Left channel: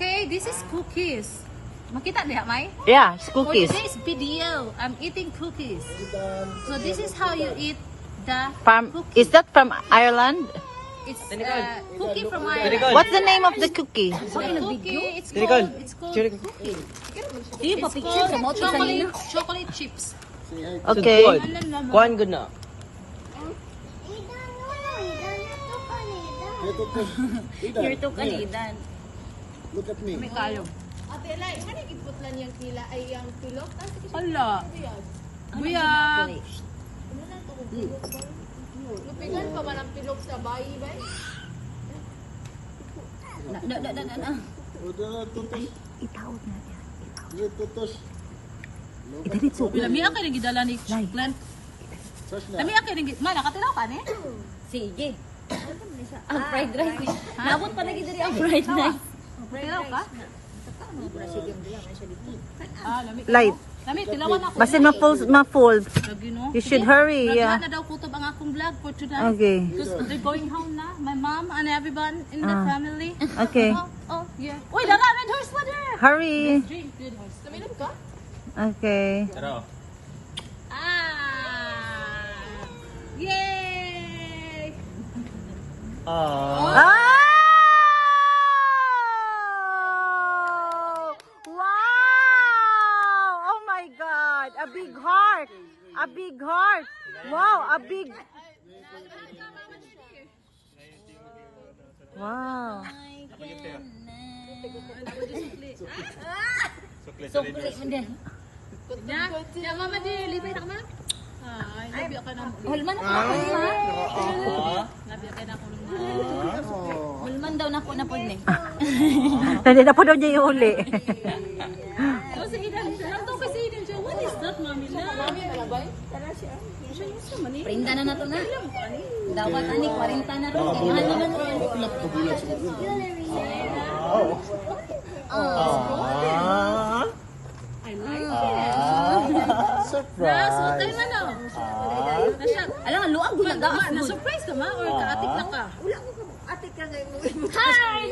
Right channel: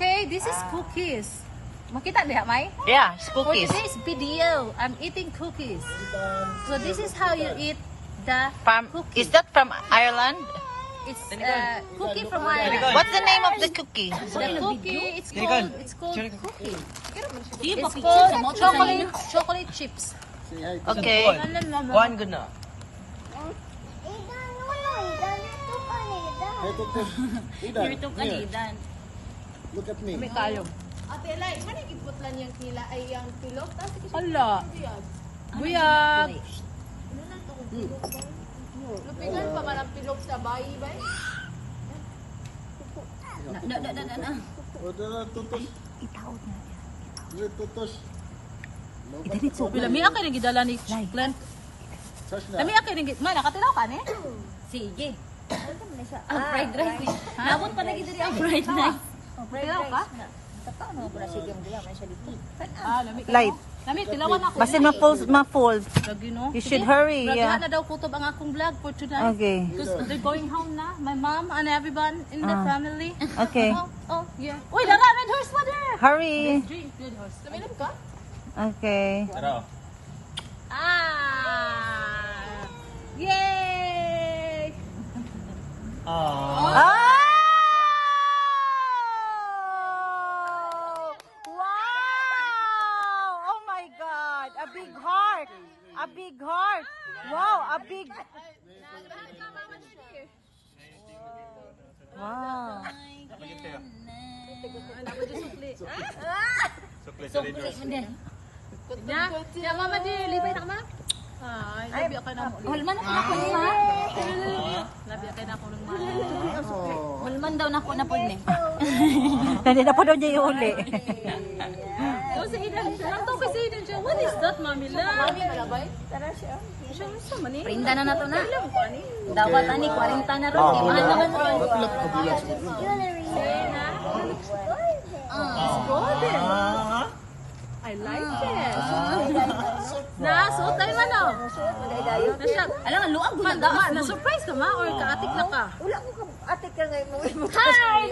Okay, this is cookies. Makita niya, May? Yeah, it's For cookies. today's video, I'm eating cookies. So this is how you eat the cookie. Is that from Ireland? It's cookie from Ireland. What's the name of the cookie? The cookie, it's called cookie. Yung It's called chocolate chips. Okay. Kuhan ko na. You're too kanidan. Look at me. May kalong. Ate Lai, kani giputlan yang kila ay yang pilok tas Hala. Buyag. Ano na to kung pilok ba? Lupigan pa man ang pilok sa bayi ba? Na. Udah tutus. Itawag na. Udah tutus. Bila mi akay nagidala ni Glenn. Sas na. Lami akay nagid. Ma nakatilaw ka ni? Sige. Fried rice. Nabot pa lagi diri ang fried rice. Tilaw ka? Ano ba sige mo diya may siya dito. Lami. Light. Lami tilawan ako. Basin ma-fold. Lagi no. You should hurry. Lagi Yeah. na daw kutob ang akong vlog for tonight. Okay. Because they're going home na. My mom and everyone in the family. Okay. Oh, yeah. Uy, dala, red horse pa there. Hurry. Drink, red horse. Tuminom ka? Okay. Yay! Ah! Wow! Oh my God! A big heart! A big heart! Wow! A big... Wow! Sukli man din. Ya, mama di, lipay na ka ma? Ay, labi ka na mo. Hulman ako na po ha. Labi ka na ako ng ma. Hulman daw na po na po ni. Hindi na po daw niya iuli. Oh, sa idan. Nato kasi idan siya. What is that, mami la? Mami malabay. Siya sa man eh. Prinda na nato na. Dawat ani 40 na ron. Di mahal naman ron. Tulak ka bulan sa gudro. I like it. Na-suot tayo man o. Alam nga luang gumagaas. Na-surprise ka ma or kaatik na ka? Wala ko ka atik ka ngayon. Hi!